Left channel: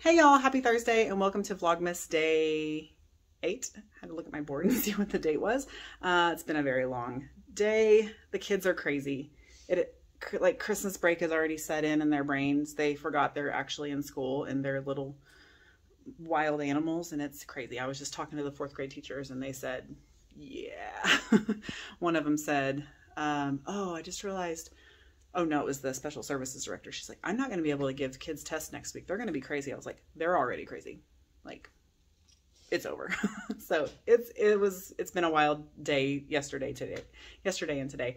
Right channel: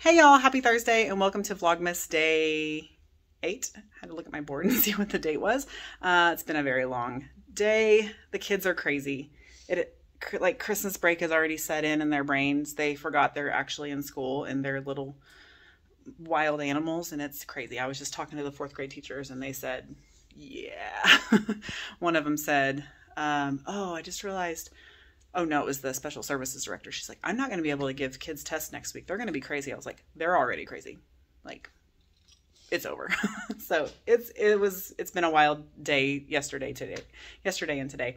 Hey y'all, happy Thursday and welcome to Vlogmas day 8. I had to look at my board and see what the date was. It's been a very long day. The kids are crazy. Like Christmas break has already set in their brains. They forgot they're actually in school and they're little wild animals and it's crazy. I was just talking to the 4th grade teachers and they said, yeah. One of them said, oh, I just realized, oh no, it was the special services director. She's like, I'm not going to be able to give kids tests next week. They're going to be crazy. I was like, they're already crazy. Like, it's over. So it's been a wild day yesterday and today.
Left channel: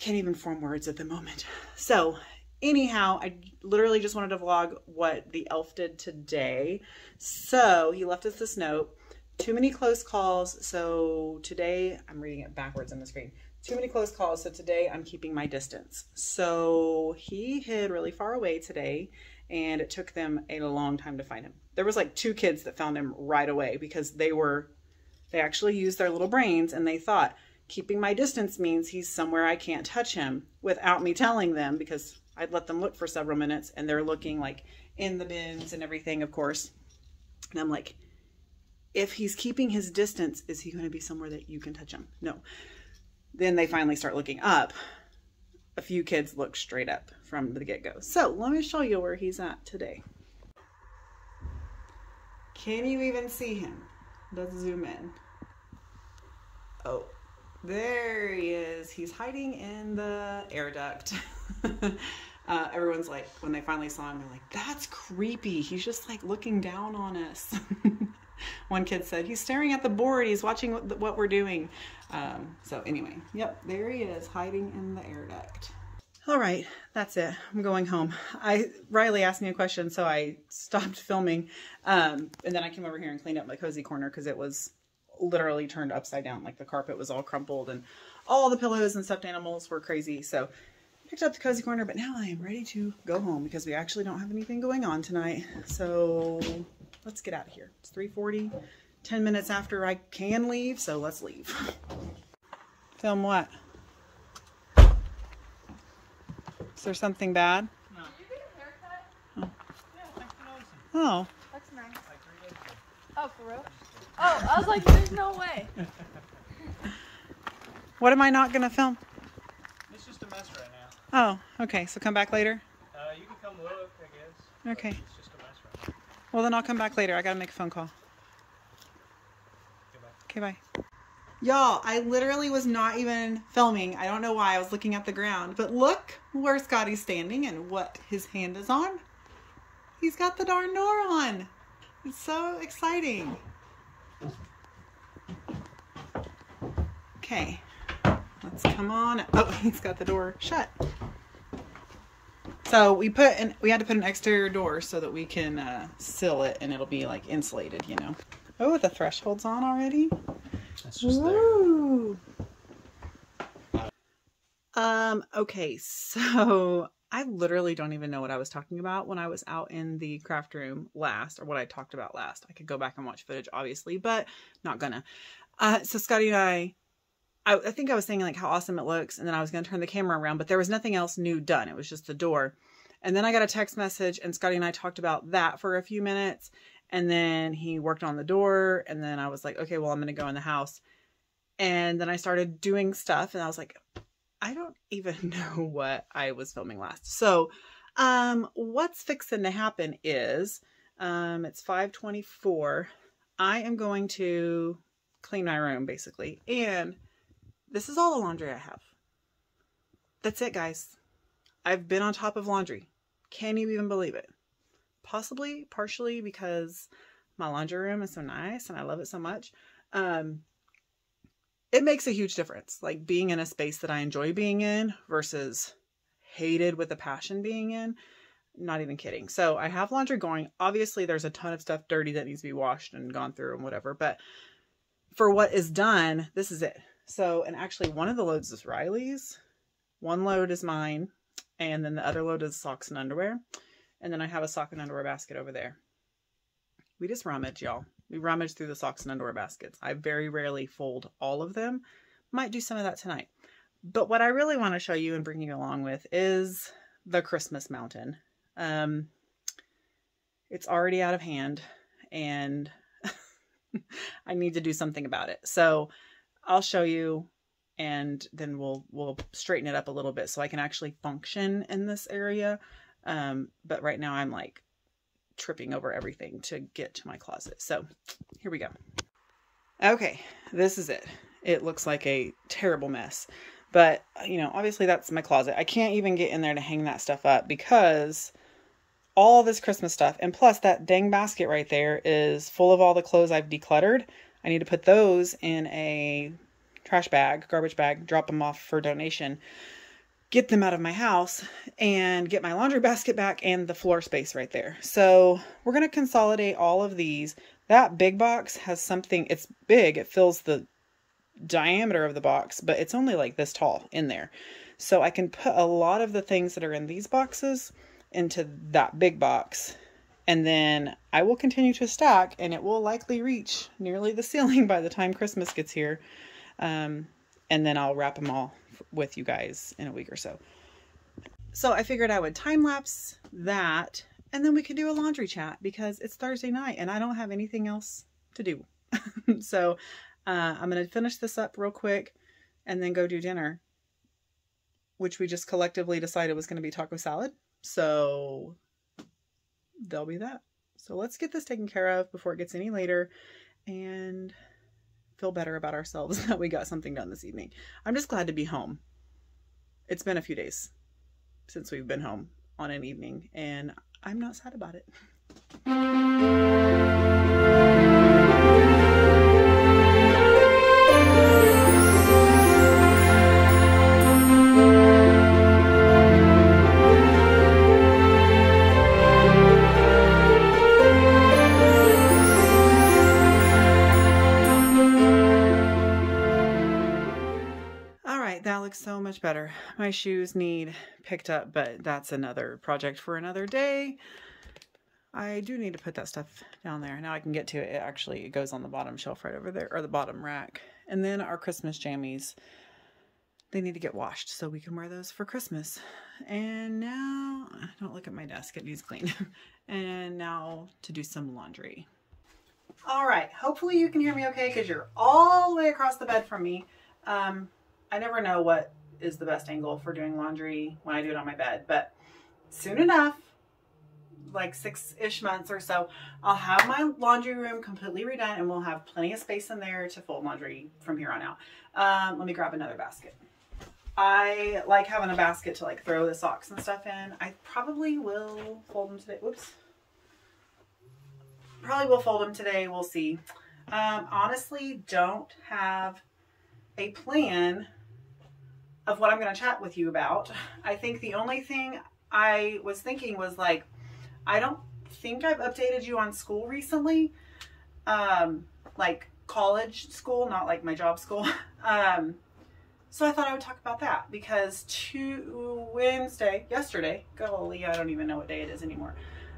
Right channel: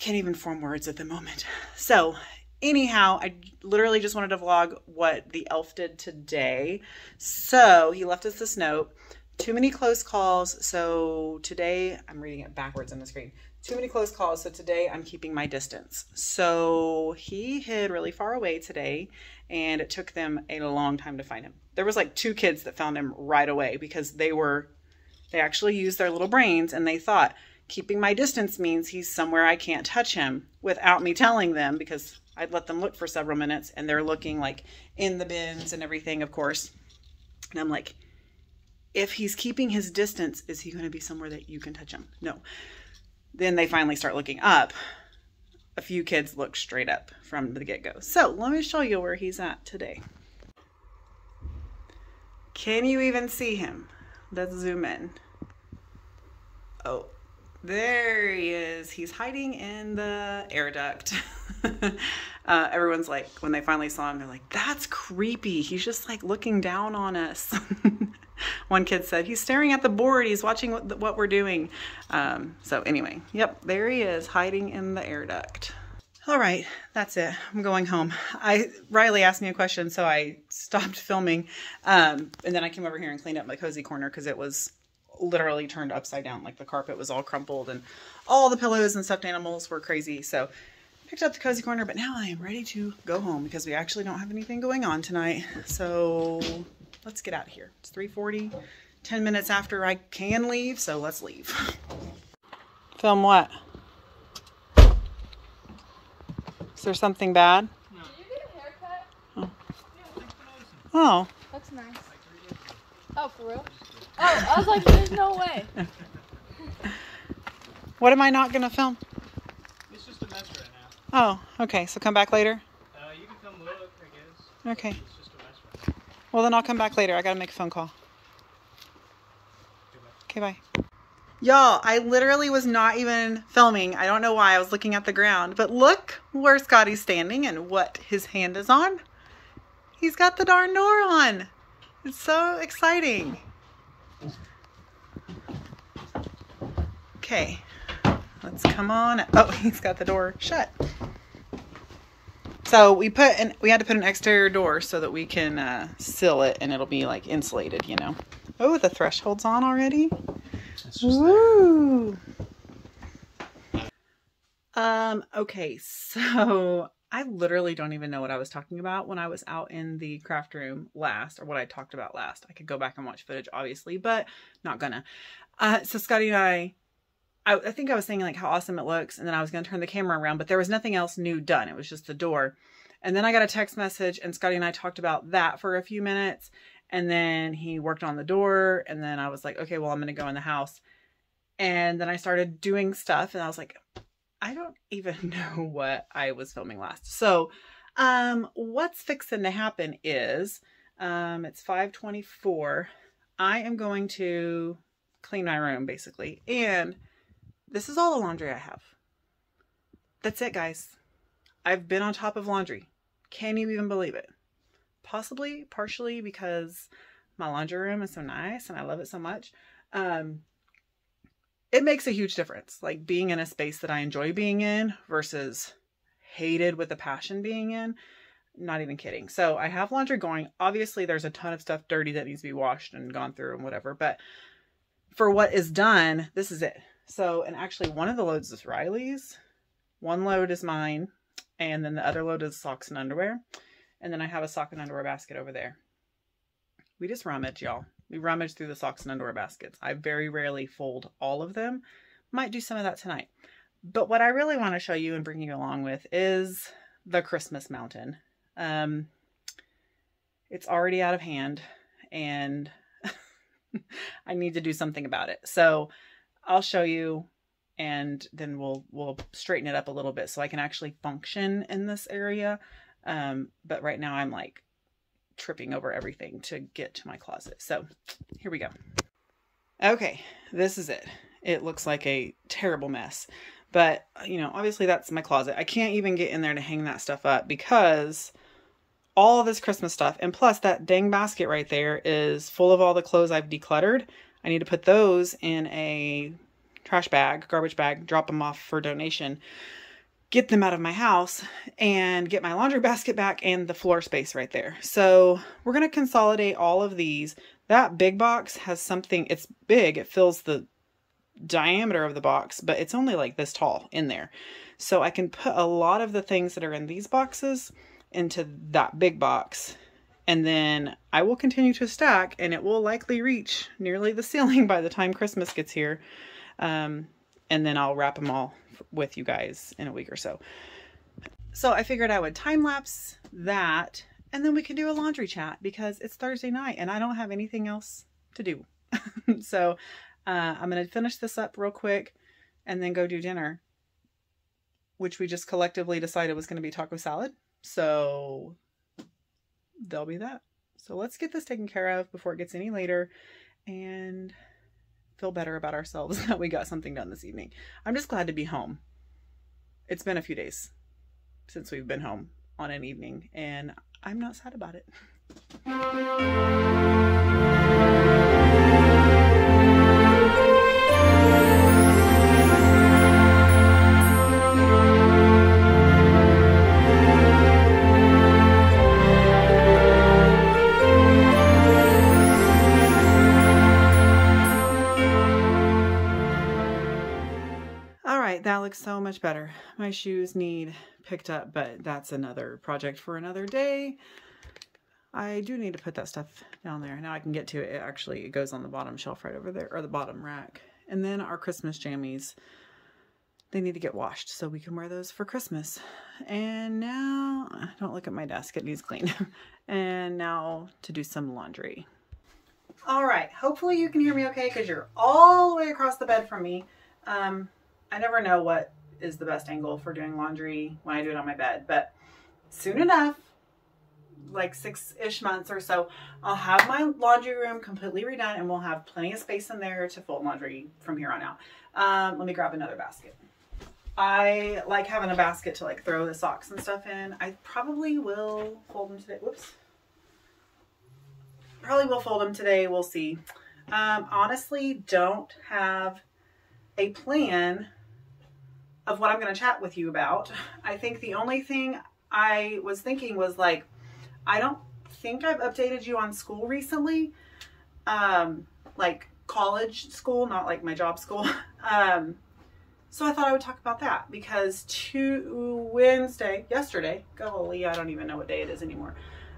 Can't even form words at the moment. So anyhow, I literally just wanted to vlog what the elf did today. So he left us this note. Too many close calls. So today, I'm reading it backwards on the screen. Too many close calls. So today I'm keeping my distance. So he hid really far away today and it took them a long time to find him. There was like 2 kids that found him right away because they actually used their little brains and they thought keeping my distance means he's somewhere I can't touch him without me telling them, because I'd let them look for several minutes and they're looking like in the bins and everything, of course. And I'm like, if he's keeping his distance, is he going to be somewhere that you can touch him? No. Then they finally start looking up. A few kids look straight up from the get-go. So let me show you where he's at today. Can you even see him? Let's zoom in. Oh, there he is. He's hiding in the air duct. Everyone's like, when they finally saw him, they're like, that's creepy. He's just like looking down on us. One kid said, he's staring at the board. He's watching what we're doing. So anyway, yep, there he is hiding in the air duct. All right, that's it. I'm going home. Riley asked me a question, so I stopped filming. And then I came over here and cleaned up my cozy corner because it was literally turned upside down. Like the carpet was all crumpled and all the pillows and stuffed animals were crazy. So I picked up the cozy corner, but now I am ready to go home because we actually don't have anything going on tonight. So let's get out of here. It's 3:40, 10 minutes after I can leave, so let's leave. Film what? Is there something bad? No. Did you get a haircut? Oh. Yeah, thanks for noticing. Oh. Looks nice. Like 3 days ago. Oh, for real? Oh, I was like, there's no way. What am I not going to film? It's just a mess right now. Oh, okay. So come back later? You can come look, I guess. Okay. It's just a mess right now. Well, then I'll come back later. I got to make a phone call. Okay, bye. Okay, bye. Y'all, I literally was not even filming. I don't know why. I was looking at the ground. But look where Scotty's standing and what his hand is on. He's got the darn door on. It's so exciting. Okay. Let's come on. Oh, he's got the door shut. So we had to put an exterior door so that we can seal it and it'll be like insulated, you know. Oh, the threshold's on already. Woo. Okay, so I literally don't even know what I was talking about when I was out in the craft room last, or what I talked about last. I could go back and watch footage, obviously, but not gonna. So Scotty and I think I was saying like how awesome it looks, and then I was gonna turn the camera around, but there was nothing else new done. It was just the door. And then I got a text message and Scotty and I talked about that for a few minutes. And then he worked on the door. And then I was like, okay, well, I'm going to go in the house. And then I started doing stuff and I was like, I don't even know what I was filming last. So, what's fixing to happen is, it's 5:24. I am going to clean my room basically. And this is all the laundry I have. That's it, guys. I've been on top of laundry. Can you even believe it? Possibly, partially because my laundry room is so nice and I love it so much. It makes a huge difference. Like being in a space that I enjoy being in versus hated with a passion being in. Not even kidding. So I have laundry going. Obviously, there's a ton of stuff dirty that needs to be washed and gone through and whatever. But for what is done, this is it. So, and actually one of the loads is Riley's. One load is mine. And then the other load is socks and underwear. And then I have a sock and underwear basket over there. We just rummage, y'all. We rummage through the socks and underwear baskets. I very rarely fold all of them. Might do some of that tonight. But what I really want to show you and bring you along with is the Christmas mountain. It's It's already out of hand and I need to do something about it. So I'll show you and then we'll straighten it up a little bit so I can actually function in this area. But right now I'm like tripping over everything to get to my closet. So here we go. Okay, this is it. It looks like a terrible mess, but you know, obviously that's my closet. I can't even get in there to hang that stuff up because all this Christmas stuff, and plus that dang basket right there is full of all the clothes I've decluttered. I need to put those in a trash bag, garbage bag, drop them off for donation, get them out of my house, and get my laundry basket back and the floor space right there. So we're going to consolidate all of these. That big box has something, it's big, it fills the diameter of the box, but it's only like this tall in there. So I can put a lot of the things that are in these boxes into that big box. And then I will continue to stack and it will likely reach nearly the ceiling by the time Christmas gets here. And then I'll wrap them all with you guys in a week or so. So I figured I would time lapse that and then we can do a laundry chat because it's Thursday night and I don't have anything else to do. So I'm going to finish this up real quick and then go do dinner, which we just collectively decided was going to be taco salad. So there'll be that. So let's get this taken care of before it gets any later and feel better about ourselves that we got something done this evening. I'm just glad to be home. It's been a few days since we've been home on an evening and I'm not sad about it. That looks so much better. My shoes need picked up, but that's another project for another day. I do need to put that stuff down there. Now I can get to it. It goes on the bottom shelf right over there, or the bottom rack. And then our Christmas jammies, they need to get washed so we can wear those for Christmas. And now, don't look at my desk, it needs cleaned. And now to do some laundry. All right, hopefully you can hear me okay because you're all the way across the bed from me. I never know what is the best angle for doing laundry when I do it on my bed, but soon enough, like 6-ish months or so, I'll have my laundry room completely redone and we'll have plenty of space in there to fold laundry from here on out. Let me grab another basket. I like having a basket to like throw the socks and stuff in. I probably will fold them today. Whoops. Probably will fold them today. We'll see. Honestly, don't have a plan of what I'm going to chat with you about. I think the only thing I was thinking was like, I don't think I've updated you on school recently. Like college school, not like my job school. So I thought I would talk about that because yesterday, golly, I don't even know what day it is anymore.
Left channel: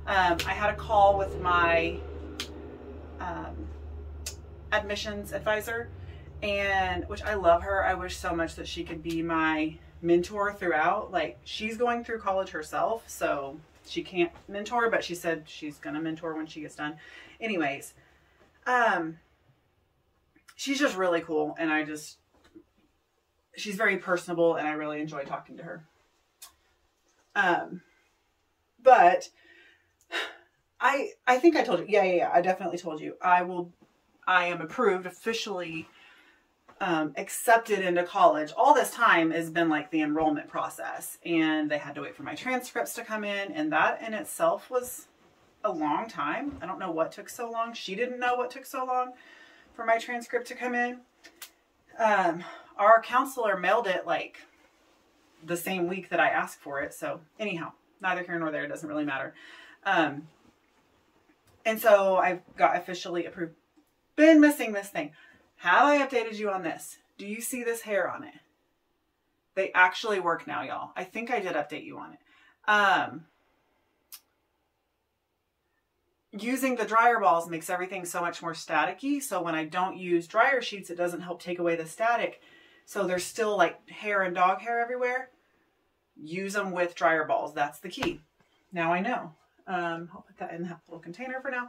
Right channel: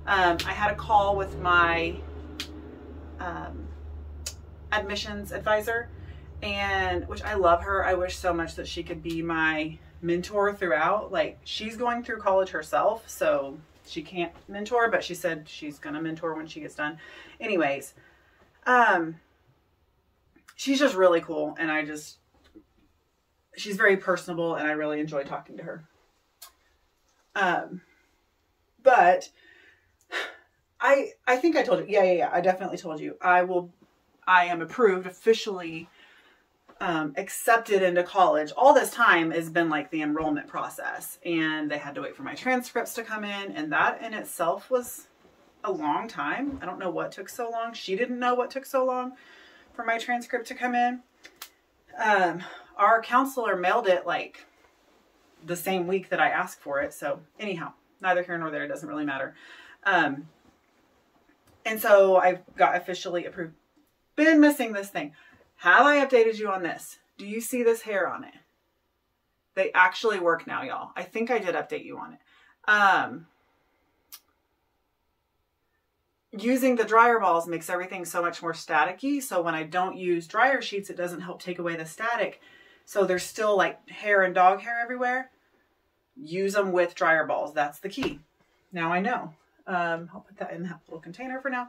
I had a call with my admissions advisor, and which I love her. I wish so much that she could be my mentor throughout. Like, she's going through college herself, so she can't mentor, but she said she's gonna mentor when she gets done. Anyways, she's just really cool, and she's very personable, and I really enjoy talking to her. But I think I told you. Yeah. I definitely told you. I am approved officially. Accepted into college. All this time has been like the enrollment process, and they had to wait for my transcripts to come in, and that in itself was a long time. I don't know what took so long. She didn't know what took so long for my transcript to come in. Our counselor mailed it like the same week that I asked for it. So anyhow, neither here nor there, it doesn't really matter. And so I got officially approved. Been missing this thing. Have I updated you on this? Do you see this hair on it? They actually work now, y'all. I think I did update you on it. Using the dryer balls makes everything so much more staticky. So when I don't use dryer sheets, it doesn't help take away the static. So there's still like hair and dog hair everywhere. Use them with dryer balls. That's the key. Now I know. I'll put that in that little container for now.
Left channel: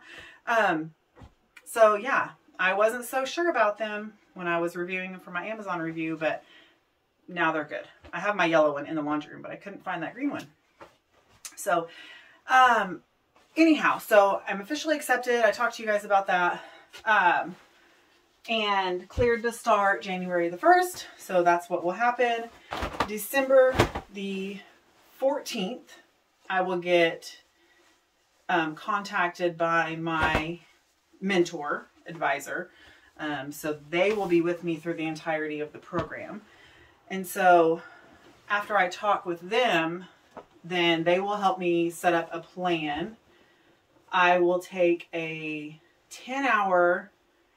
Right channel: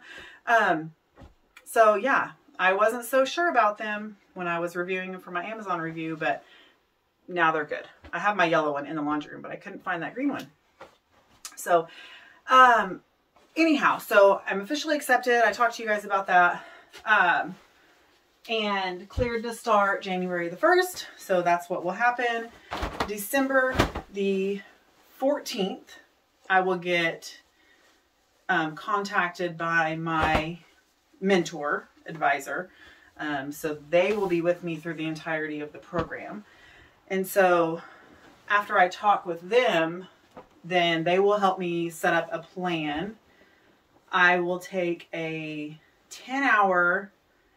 So yeah, I wasn't so sure about them when I was reviewing them for my Amazon review, but now they're good. I have my yellow one in the laundry room, but I couldn't find that green one. So, anyhow, so I'm officially accepted. I talked to you guys about that. And cleared to start January the 1st. So that's what will happen. December the 14th, I will get contacted by my mentor advisor. So they will be with me through the entirety of the program. And so after I talk with them, then they will help me set up a plan. I will take a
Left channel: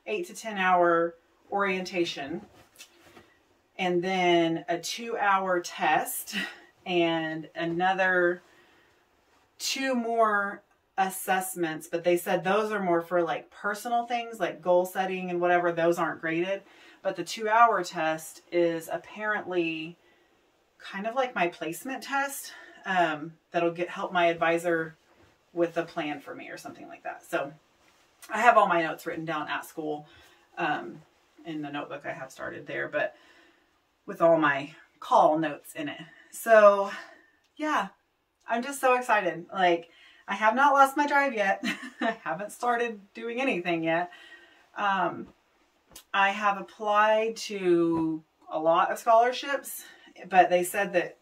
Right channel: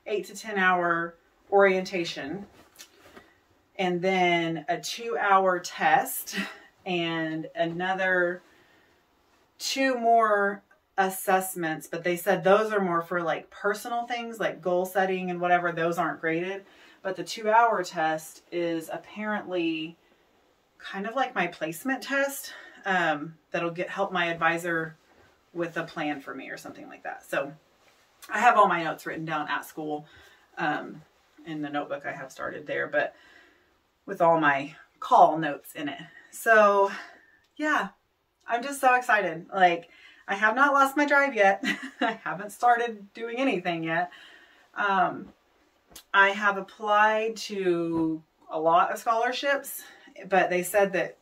8 to 10 hour orientation, and then a 2-hour test, and another 2 more assessments. But they said those are more for like personal things like goal setting and whatever. Those aren't graded, but the 2-hour test is apparently kind of like my placement test. That'll help my advisor with a plan for me or something like that. So I have all my notes written down at school, in the notebook I have started there, but with all my call notes in it. So yeah, I'm just so excited. Like, I have not lost my drive yet. I haven't started doing anything yet. I have applied to a lot of scholarships, but they said that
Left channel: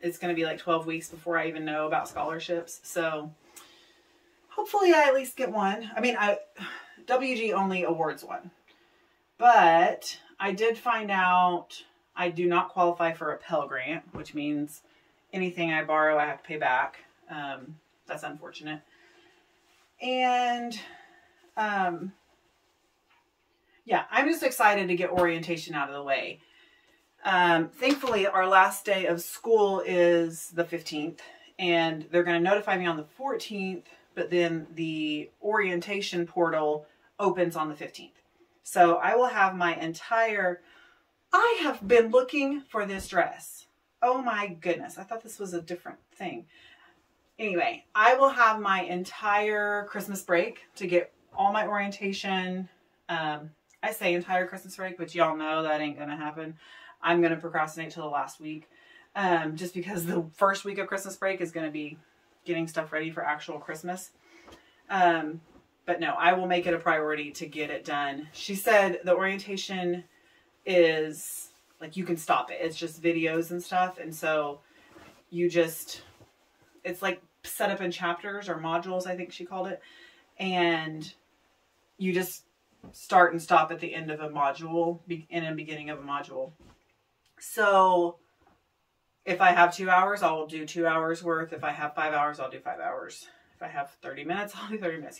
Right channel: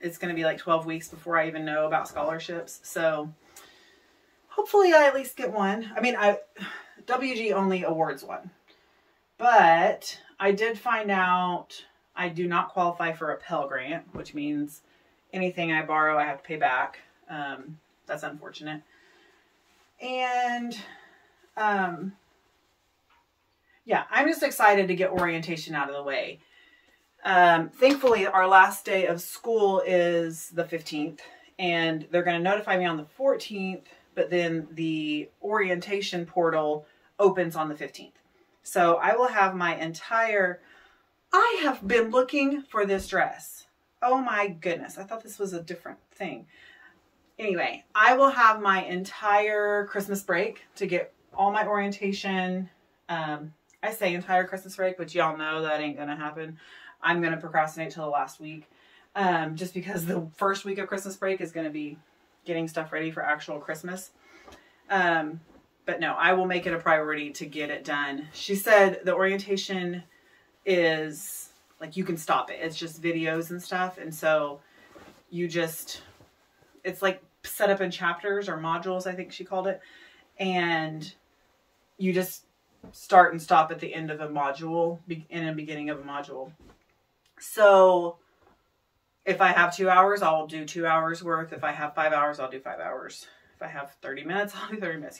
it's going to be like 12 weeks before I even know about scholarships. So hopefully I at least get one. I mean, WG only awards one, but I did find out I do not qualify for a Pell Grant, which means anything I borrow, I have to pay back. That's unfortunate. And, yeah, I'm just excited to get orientation out of the way. Thankfully, our last day of school is the 15th, and they're going to notify me on the 14th, but then the orientation portal opens on the 15th. So I will have my I have been looking for this dress. Oh my goodness. I thought this was a different thing. Anyway, I will have my entire Christmas break to get all my orientation. I say entire Christmas break, but y'all know that ain't going to happen. I'm going to procrastinate till the last week. Just because the first week of Christmas break is going to be getting stuff ready for actual Christmas. But no, I will make it a priority to get it done. She said the orientation is like, you can stop it. It's just videos and stuff. And so it's like set up in chapters or modules, I think she called it. And you just start and stop at the end of a module and the beginning of a module. So if I have 2 hours, I'll do 2 hours worth. If I have 5 hours, I'll do 5 hours. If I have 30 minutes, I'll do 30 minutes,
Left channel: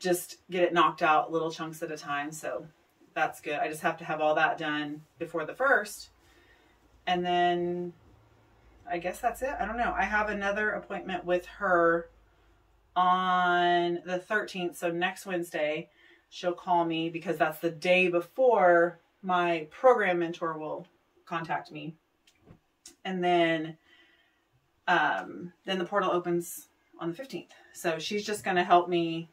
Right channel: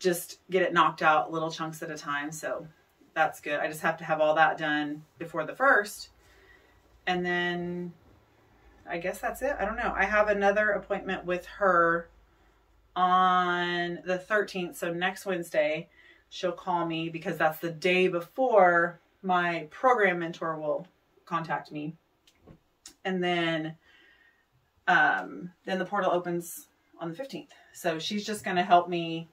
just get it knocked out little chunks at a time. So that's good. I just have to have all that done before the 1st. And then I guess that's it. I don't know. I have another appointment with her on the 13th. So next Wednesday, she'll call me because that's the day before my program mentor will contact me. And then the portal opens on the 15th. So she's just going to help me,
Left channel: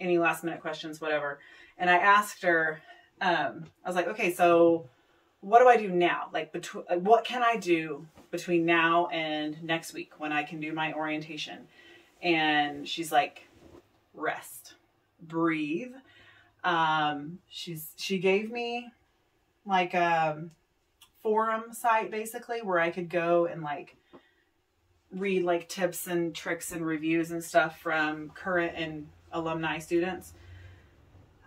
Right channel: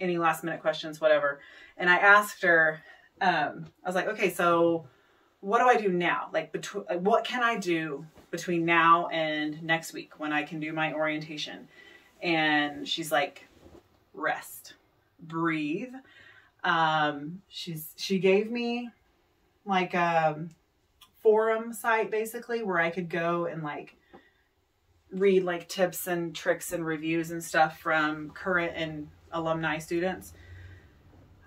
any last minute questions, whatever. And I asked her, I was like, okay, so what do I do now? Like, what can I do between now and next week when I can do my orientation? And she's like, rest, breathe. She gave me like a forum site basically where I could go and like read like tips and tricks and reviews and stuff from current and alumni students.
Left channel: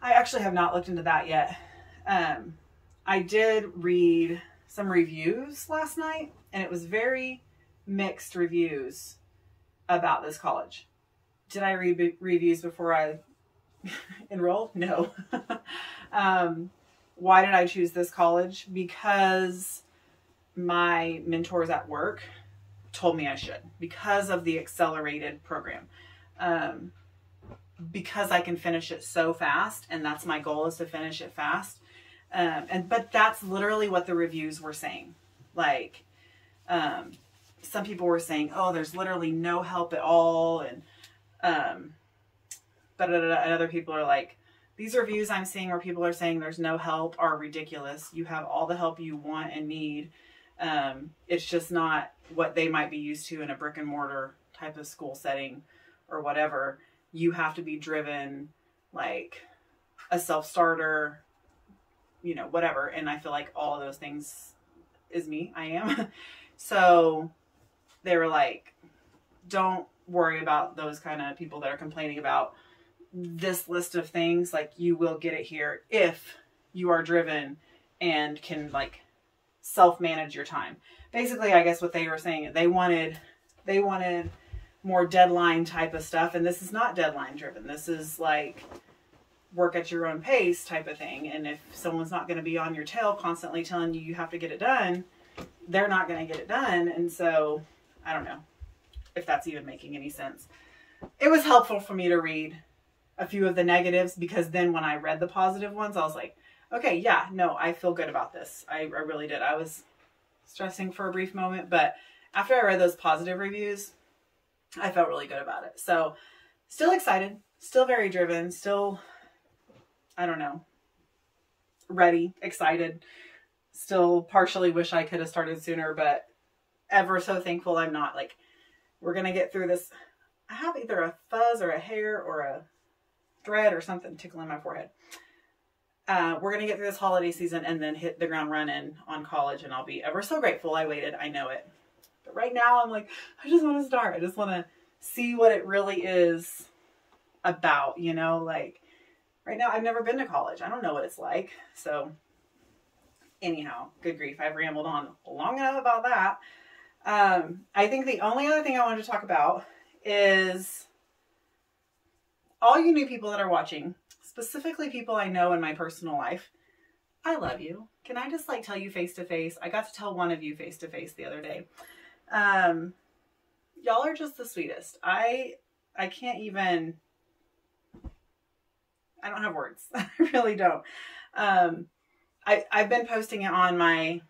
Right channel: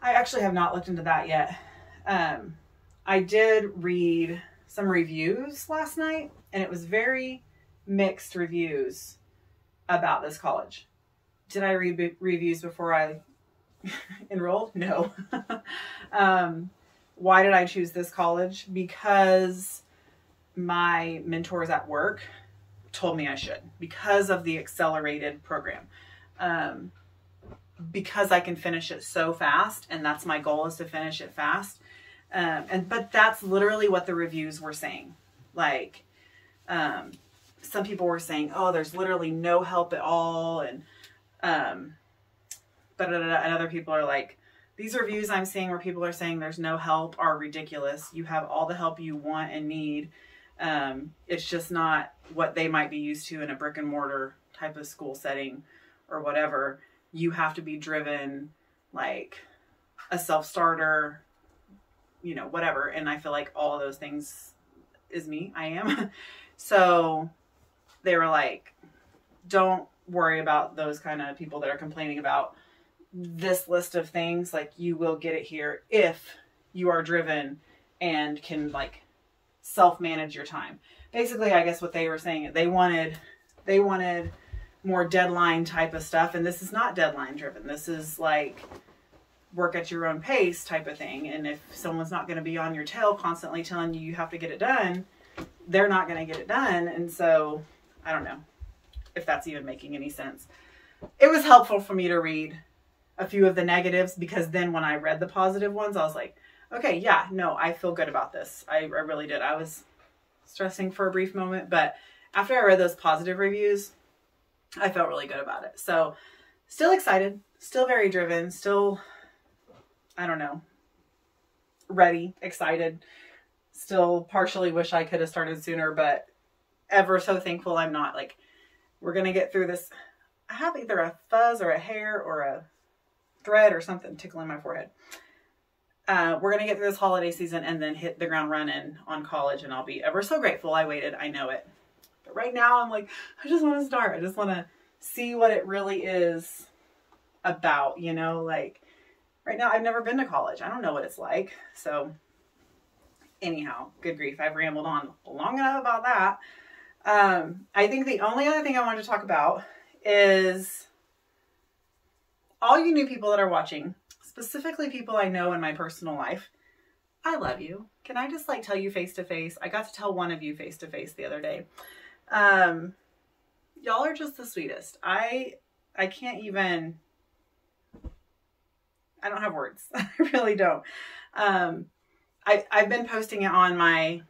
I actually have not looked into that yet. I did read some reviews last night, and it was very mixed reviews about this college. Did I read reviews before I enrolled? No. Why did I choose this college? Because my mentors at work told me I should, because of the accelerated program. Because I can finish it so fast, and that's my goal, is to finish it fast. But that's literally what the reviews were saying. Like, some people were saying, oh, there's literally no help at all. And, and other people are like, these reviews I'm seeing where people are saying there's no help are ridiculous. You have all the help you want and need. It's just not what they might be used to in a brick and mortar type of school setting or whatever. You have to be driven like a self-starter, you know, whatever. And I feel like all of those things is me. I am. So they were like, don't worry about those kind of people that are complaining about this list of things. Like, you will get it here if you are driven and can like self-manage your time. Basically, I guess what they were saying, they wanted more deadline type of stuff. And this is not deadline driven. This is like work at your own pace type of thing. And if someone's not going to be on your tail constantly telling you you have to get it done, they're not going to get it done. And so I don't know if that's even making any sense. It was helpful for me to read a few of the negatives, because then when I read the positive ones, I was like, okay, yeah, no, I feel good about this. I really did. I was stressing for a brief moment, but after I read those positive reviews, I felt really good about it. So still excited, still very driven, still, I don't know, ready, excited, still partially wish I could have started sooner, but ever so thankful I'm not. Like, we're going to get through this. I have either a fuzz or a hair or a thread or something tickling my forehead. We're going to get through this holiday season and then hit the ground running on college, and I'll be ever so grateful I waited. I know it. But right now I'm like, I just want to start. I just want to see what it really is about, you know, like right now I've never been to college. I don't know what it's like. So anyhow, good grief. I've rambled on long enough about that. I think the only other thing I wanted to talk about is all you new people that are watching, specifically people I know in my personal life. I love you. Can I just like tell you face to face? I got to tell one of you face to face the other day. Y'all are just the sweetest. I can't even, I don't have words. I really don't. I've been posting it on my,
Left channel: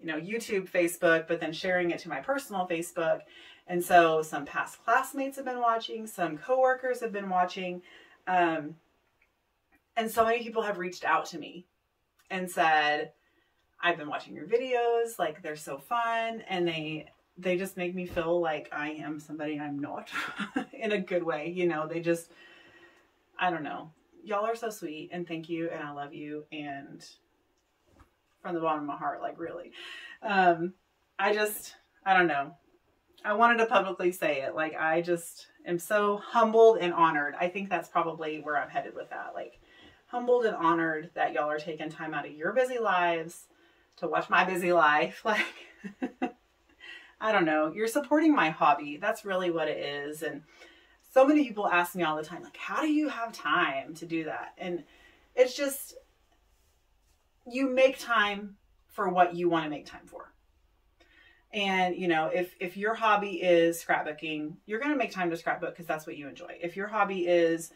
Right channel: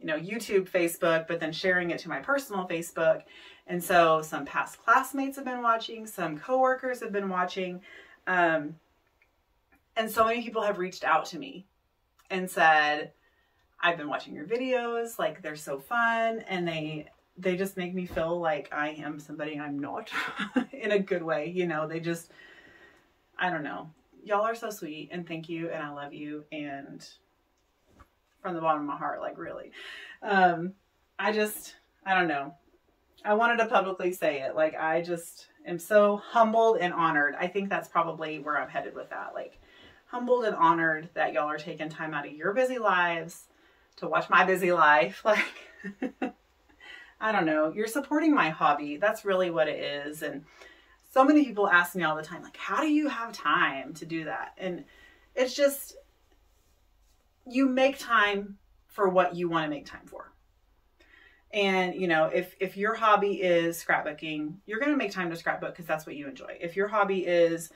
you know, YouTube, Facebook, but then sharing it to my personal Facebook. And so some past classmates have been watching, some coworkers have been watching. And so many people have reached out to me and said, I've been watching your videos, like they're so fun. And they just make me feel like I am somebody I'm not in a good way. You know, they just, I don't know. Y'all are so sweet, and thank you. And I love you. And from the bottom of my heart, like really, I don't know. I wanted to publicly say it. Like, I just am so humbled and honored. I think that's probably where I'm headed with that. Like, humbled and honored that y'all are taking time out of your busy lives to watch my busy life. Like, I don't know. You're supporting my hobby. That's really what it is. And so many people ask me all the time, like, how do you have time to do that? And it's just, you make time for what you want to make time for. And, you know, if your hobby is scrapbooking, you're going to make time to scrapbook because that's what you enjoy. If your hobby is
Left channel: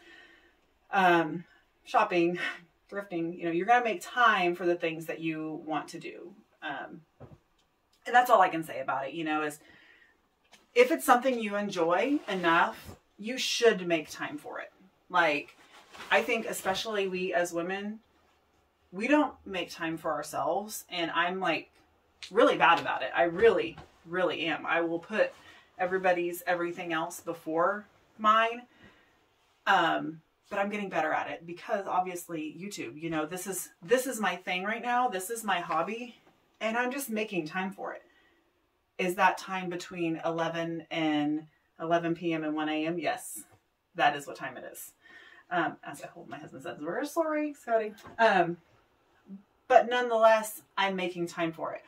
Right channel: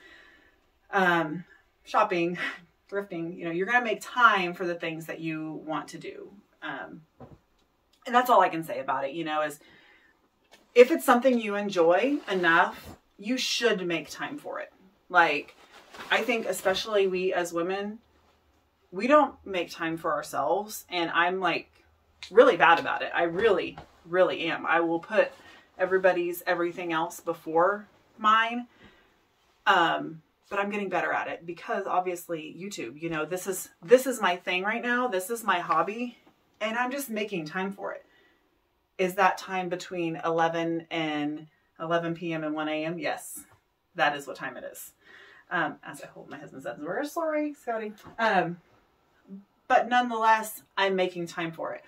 shopping, thrifting, you know, you're going to make time for the things that you want to do. And that's all I can say about it, you know, is if it's something you enjoy enough, you should make time for it. Like, I think especially we as women, we don't make time for ourselves. And I'm like really bad about it. I really, really am. I will put everybody's everything else before mine. But I'm getting better at it because obviously YouTube, you know, this is my thing right now. This is my hobby, and I'm just making time for it. Is that time between 11 p.m. and 1 a.m.? Yes, that is what time it is. As I hold my husband's hands, we're sorry, Scotty. But nonetheless, I'm making time for it.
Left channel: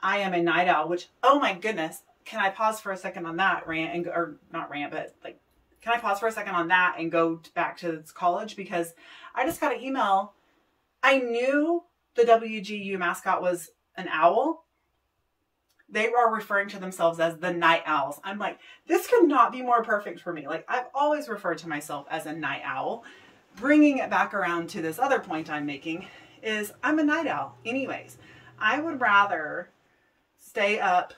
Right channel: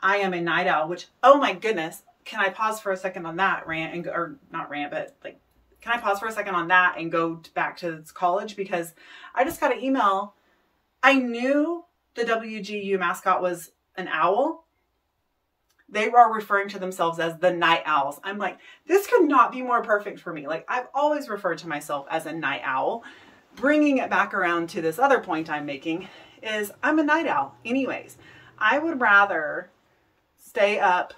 I am a night owl, which, oh my goodness, can I pause for a second on that rant and go, or not rant, but like, can I pause for a second on that and go back to college? Because I just got an email. I knew the WGU mascot was an owl. They are referring to themselves as the night owls. I'm like, this could not be more perfect for me. Like, I've always referred to myself as a night owl. Bringing it back around to this other point I'm making is I'm a night owl anyways. I would rather stay up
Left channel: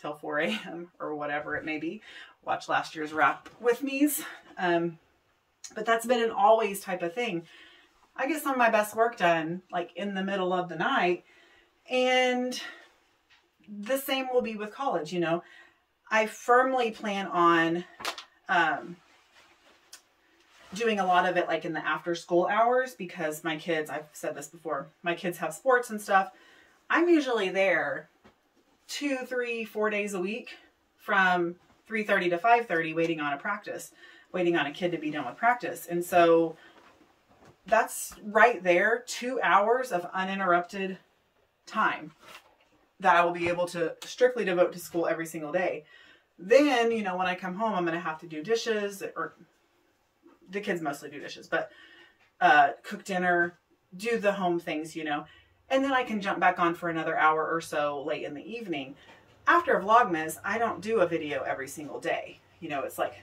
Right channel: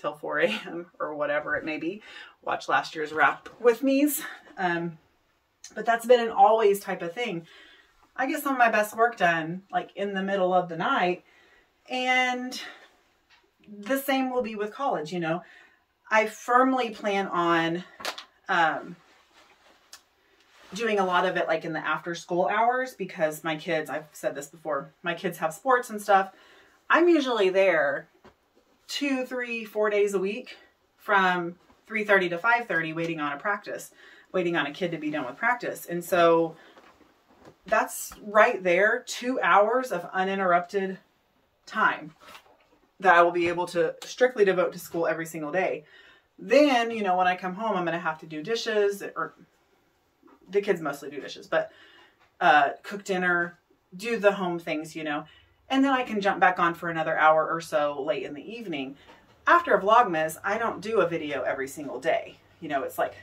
till 4 a.m. or whatever it may be. Watch last year's wrap with me's. But that's been an always type of thing. I get some of my best work done like in the middle of the night, and the same will be with college. You know, I firmly plan on doing a lot of it like in the after school hours, because my kids, I've said this before, my kids have sports and stuff. I'm usually there 2, 3, 4 days a week from 3:30 to 5:30 waiting on a kid to be done with practice. And so that's right there, 2 hours of uninterrupted time that I will be able to strictly devote to school every single day. Then, you know, when I come home, I'm going to have to do dishes, or the kids mostly do dishes, but cook dinner, do the home things, you know, and then I can jump back on for another hour or so late in the evening. After Vlogmas, I don't do a video every single day. You know, it's like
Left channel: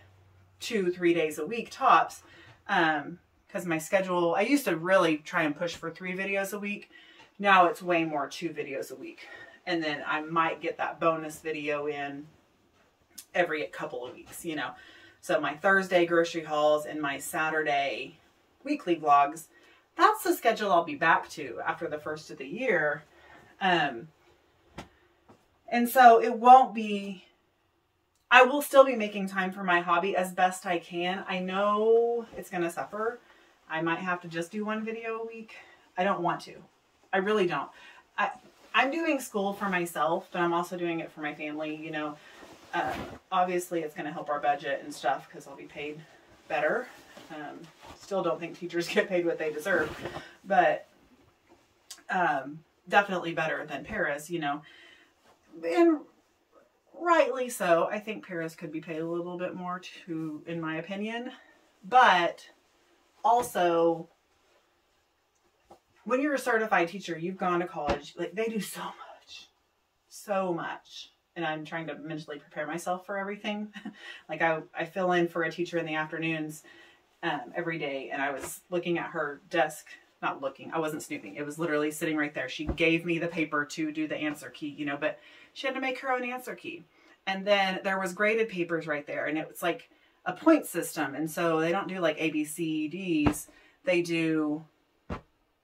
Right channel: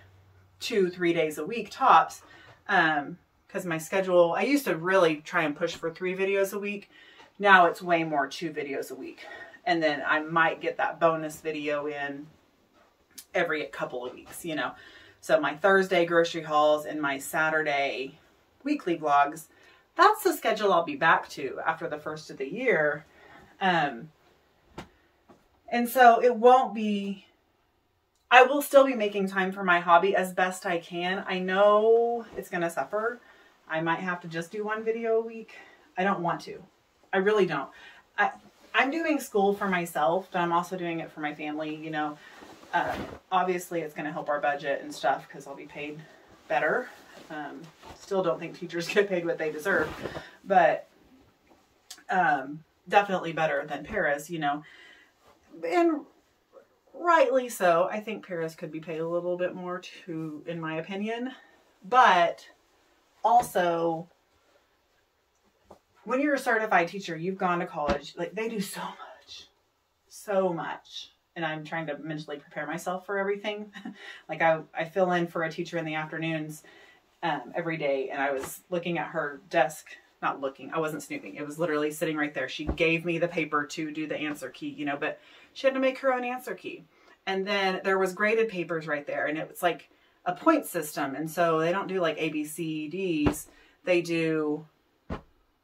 2, 3 days a week tops. Because my schedule, I used to really try and push for 3 videos a week. Now it's way more 2 videos a week. And then I might get that bonus video in every couple of weeks, you know. So my Thursday grocery hauls and my Saturday weekly vlogs, that's the schedule I'll be back to after the first of the year. And so it won't be, I will still be making time for my hobby as best I can. I know it's going to suffer. I might have to just do 1 video a week. I don't want to. I really don't. I'm doing school for myself, but I'm also doing it for my family. You know, obviously it's going to help our budget and stuff because I'll be paid better. Still don't think teachers get paid what they deserve, but definitely better than Paris, you know. And rightly so. I think Paris could be paid a little bit more too, in my opinion. But also, when you're a certified teacher, you've gone to college, like they do so much. And I'm trying to mentally prepare myself for everything. Like I fill in for a teacher in the afternoons every day. And I was looking at her desk, not looking, I wasn't snooping. It was literally sitting right there. She gave me the paper to do the answer key, you know, but she had to make her own answer key. And then there was graded papers right there. And it was like a point system. And so they don't do like A, B, C, D's. They do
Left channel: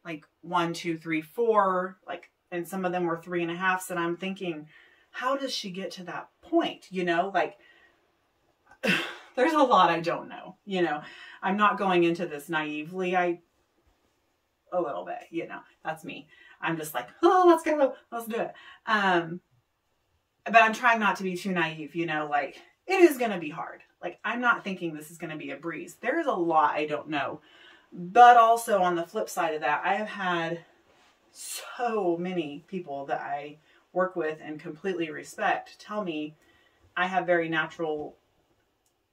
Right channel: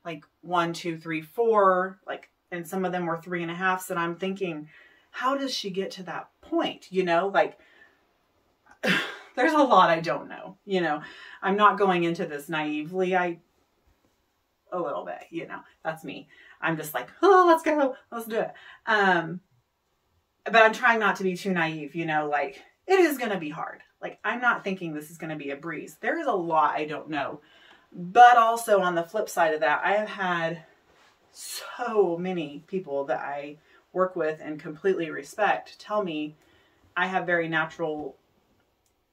like 1, 2, 3, 4, like, and some of them were 3.5s. And I'm thinking, how does she get to that point? You know, like there's a lot I don't know, you know. I'm not going into this naively. A little bit, you know, that's me. I'm just like, oh, let's go, let's do it. But I'm trying not to be too naive, you know, like it is going to be hard. Like I'm not thinking this is going to be a breeze. There is a lot I don't know. But also on the flip side of that, I have had so many people that I work with and completely respect tell me I have very natural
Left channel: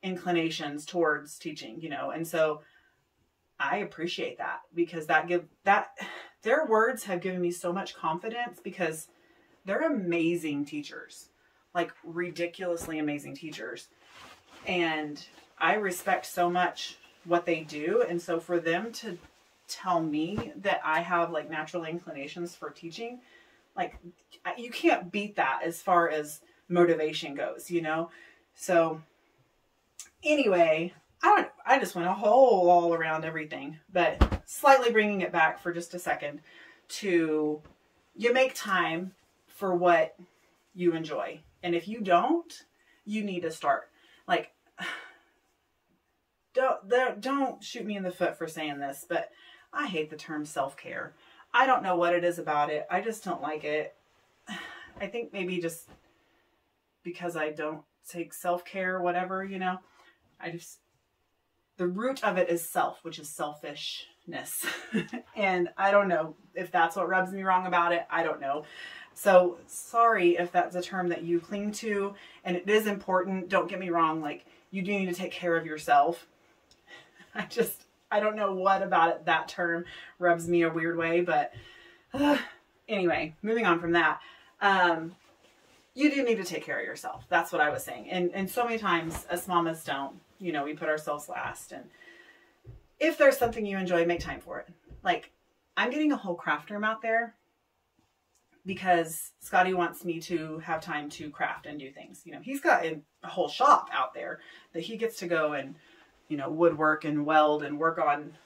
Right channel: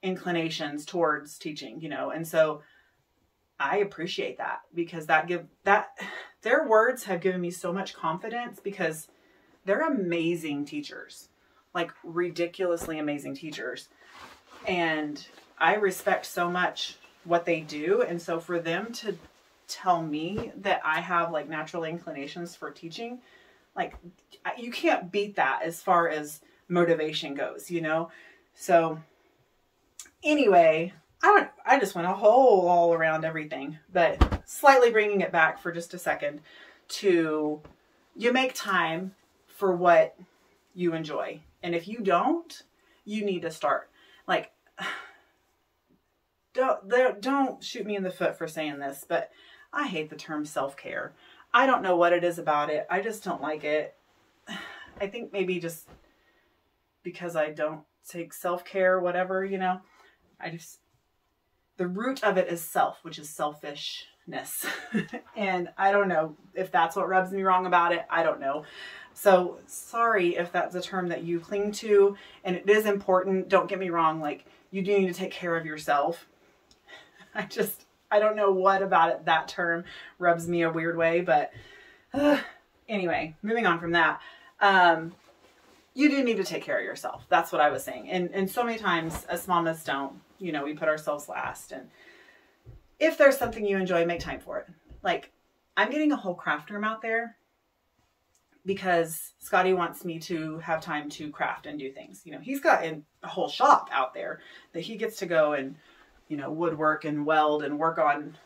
inclinations towards teaching, you know, and so I appreciate that, because their words have given me so much confidence, because they're amazing teachers, like ridiculously amazing teachers. And I respect so much what they do. And so for them to tell me that I have like natural inclinations for teaching, like you can't beat that as far as motivation goes, you know? So anyway, I just went all around everything, but slightly bringing it back for just a second to, you make time for what you enjoy. And if you don't, you need to start. Like, don't shoot me in the foot for saying this, but I hate the term self-care. I don't know what it is about it. I just don't like it. I think maybe just because I don't take self-care, whatever, you know, the root of it is self, which is selfishness. And I don't know if that's what rubs me wrong about it. I don't know. So sorry if that's a term that you cling to, and it is important. Don't get me wrong. Like, you do need to take care of yourself. I don't know what about it. That term rubs me a weird way, but anyway, moving on from that. You do need to take care of yourself. That's what I was saying. And so many times as mamas don't, you know, we put ourselves last. And if there's something you enjoy, make time for it. Like, I'm getting a whole craft room out there because Scotty wants me to have time to craft and do things. You know, he's got a whole shop out there that he gets to go and, you know, woodwork and weld and work on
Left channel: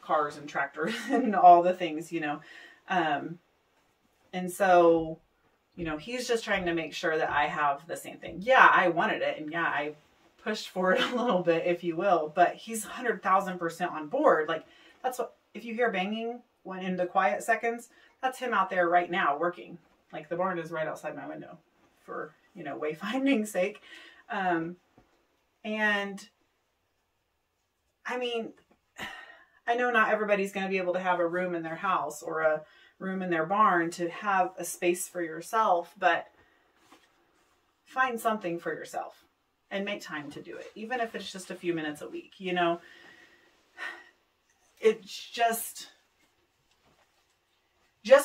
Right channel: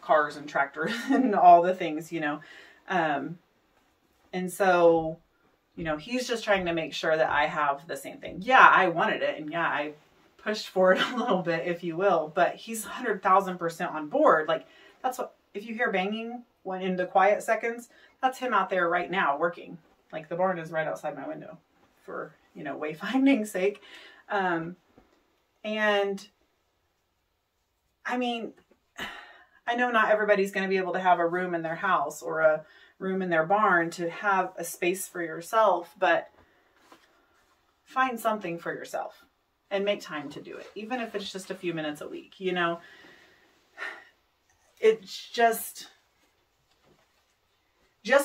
cars and tractors and all the things, you know. And so, you know, he's just trying to make sure that I have the same thing. Yeah, I wanted it. And yeah, I pushed for it a little bit, if you will, but he's 100,000% on board. Like, that's what, if you hear banging when in the quiet seconds, that's him out there right now working. Like, the barn is right outside my window for, you know, wayfinding sake. And I mean, I know not everybody's going to be able to have a room in their house or a room in their barn to have a space for yourself, but find something for yourself and make time to do it. Even if it's just a few minutes a week, you know, it's just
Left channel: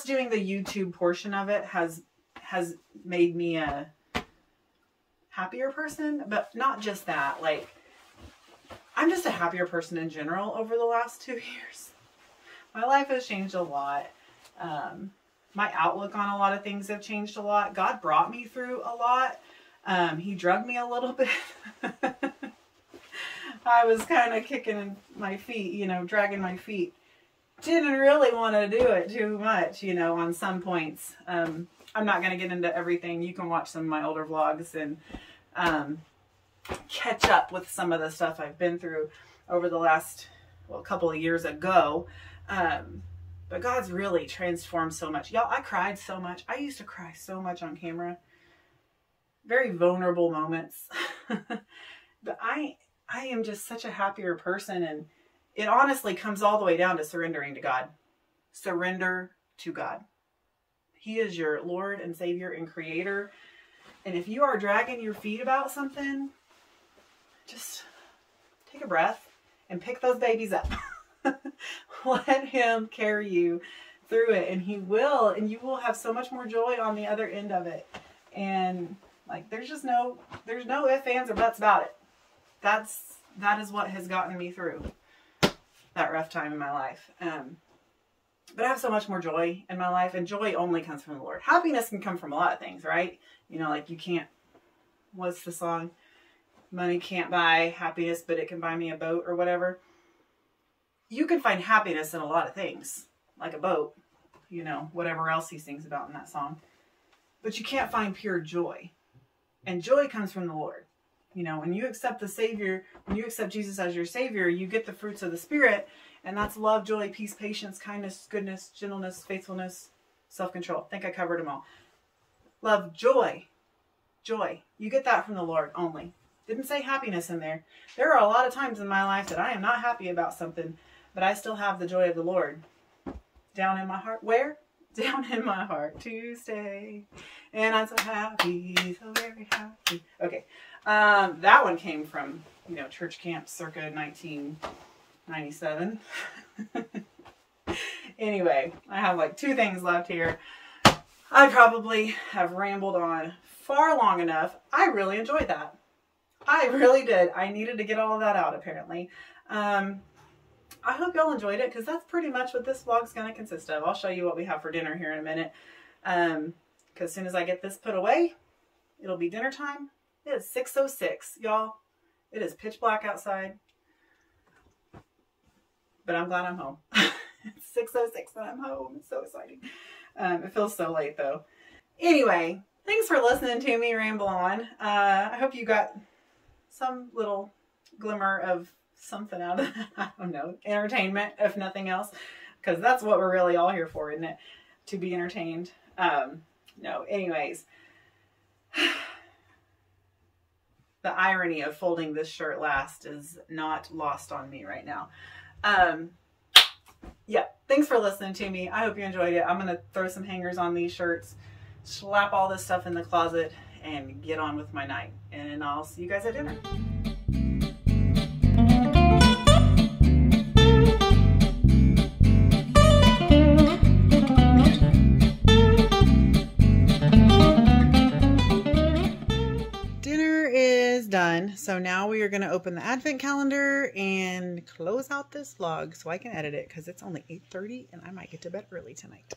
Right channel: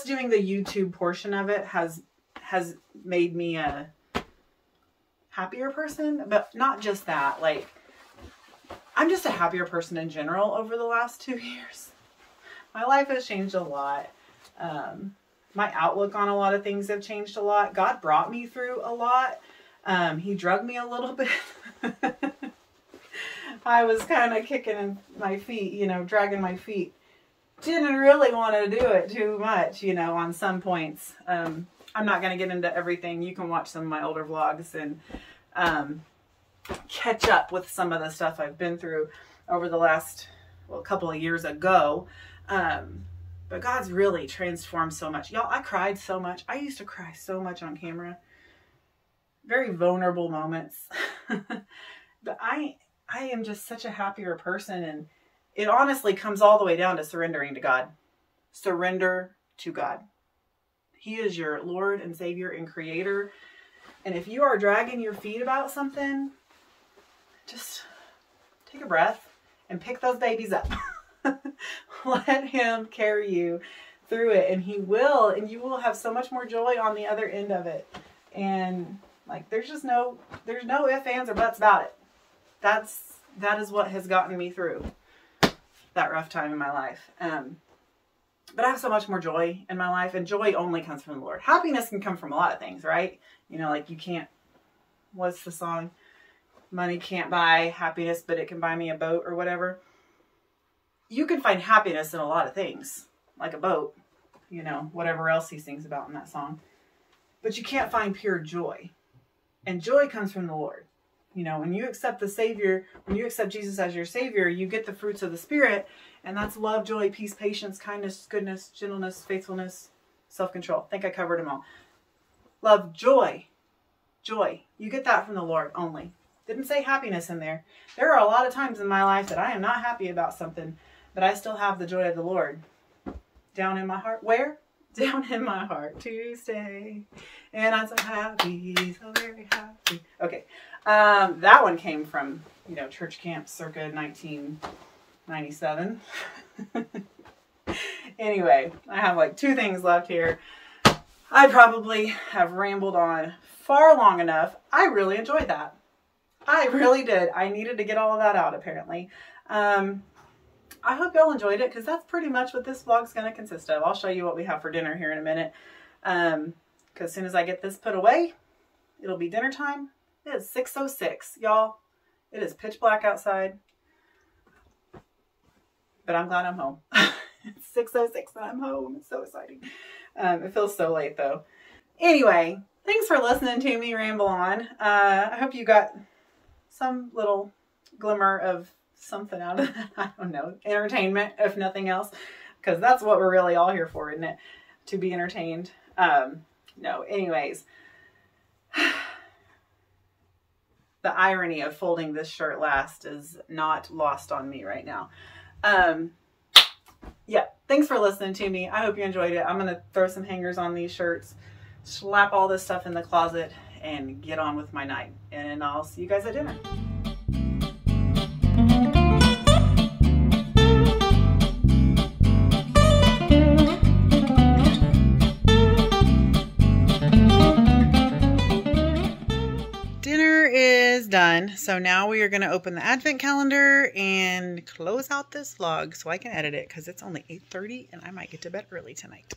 doing the YouTube portion of it has made me a happier person, but not just that. Like, I'm just a happier person in general over the last 2 years. My life has changed a lot. My outlook on a lot of things have changed a lot. God brought me through a lot. He drugged me a little bit. I was kind of kicking my feet, you know, dragging my feet. Didn't really want to do it too much, you know, on some points. I'm not going to get into everything. You can watch some of my older vlogs and catch up with some of the stuff I've been through over the last, well, couple of years ago. But God's really transformed so much. Y'all, I cried so much. I used to cry so much on camera. Very vulnerable moments. But I am just such a happier person, and it honestly comes all the way down to surrendering to God. Surrender to God. He is your Lord and Savior and Creator. And if you are dragging your feet about something, just take a breath and pick those babies up. Let him carry you through it, and he will, and you will have so much more joy on the other end of it. And like, there's no ifs, ands, or buts about it. That is what has gotten me through that rough time in my life. But I have so much more joy in my life, and joy only comes from the Lord. Happiness can come from a lot of things, right? You know, like, you can't, what's the song? Money can't buy happiness, but it can buy me a boat or whatever. You can find happiness in a lot of things, like a boat, you know, whatever else he sings about in that song. But you can't find pure joy. And joy comes from the Lord. You know, when you accept the Savior, when you accept Jesus as your Savior, you get the fruits of the Spirit. And that's love, joy, peace, patience, kindness, goodness, gentleness, faithfulness, self-control. I think I covered them all. Love, joy. Joy. You get that from the Lord only. Didn't say happiness in there. There are a lot of times in my life that I am not happy about something, but I still have the joy of the Lord down in my heart. Where? Down in my heart to stay. And I'm so happy, so very happy. Okay. That one came from, you know, church camp circa 1997. Anyway, I have like 2 things left here. I probably have rambled on far long enough. I really enjoyed that. I really did. I needed to get all of that out, apparently. I hope y'all enjoyed it, because that's pretty much what this vlog's going to consist of. I'll show you what we have for dinner here in a minute. Because as soon as I get this put away, it'll be dinner time. It is 6:06, y'all. It is pitch black outside. But I'm glad I'm home. It's 6:06 and I'm home. It's so exciting. It feels so late, though. Anyway, thanks for listening to me ramble on. I hope you got some little glimmer of something out of that. I don't know, entertainment, if nothing else, because that's what we're really all here for, isn't it? To be entertained. No, anyways, the irony of folding this shirt last is not lost on me right now. Yeah, thanks for listening to me. I hope you enjoyed it. I'm gonna throw some hangers on these shirts, slap all this stuff in the closet, and get on with my night. And I'll see you guys at dinner. Done. So now we are going to open the advent calendar and close out this vlog so I can edit it, because it's only 8:30 and I might get to bed early tonight.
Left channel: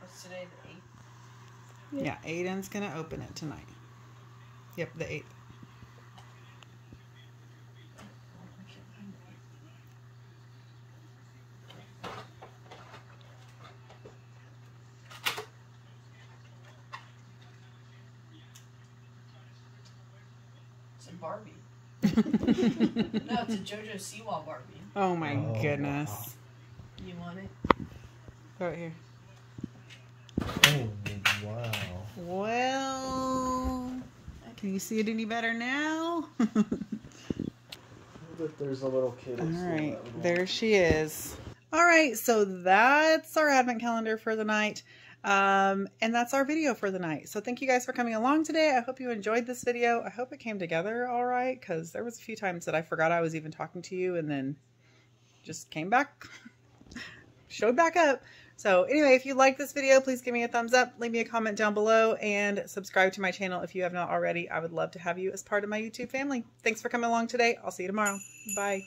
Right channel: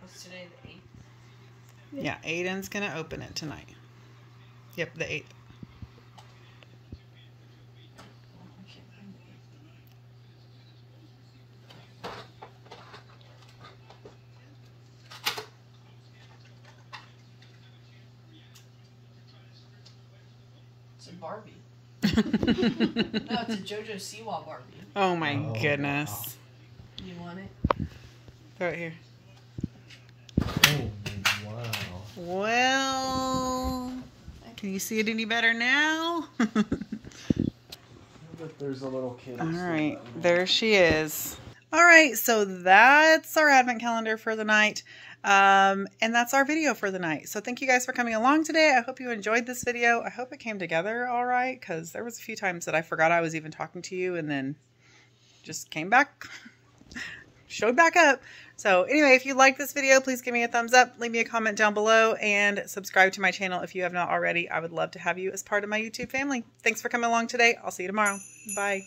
What's today? Yeah, Aiden's gonna open it tonight. Yep, the 8th. It's a Barbie. No, it's a JoJo Siwa Barbie. Oh my goodness. Wow. You want it? Throw it here. Oh, wow. Well, can you see it any better now? There's a little kid. All right, there she is. All right, so that's our advent calendar for the night. And that's our video for the night. So thank you guys for coming along today. I hope you enjoyed this video. I hope it came together all right, because there was a few times that I forgot I was even talking to you and then just came back, showed back up. So anyway, if you like this video, please give me a thumbs up, leave me a comment down below, and subscribe to my channel if you have not already. I would love to have you as part of my YouTube family. Thanks for coming along today. I'll see you tomorrow. Bye.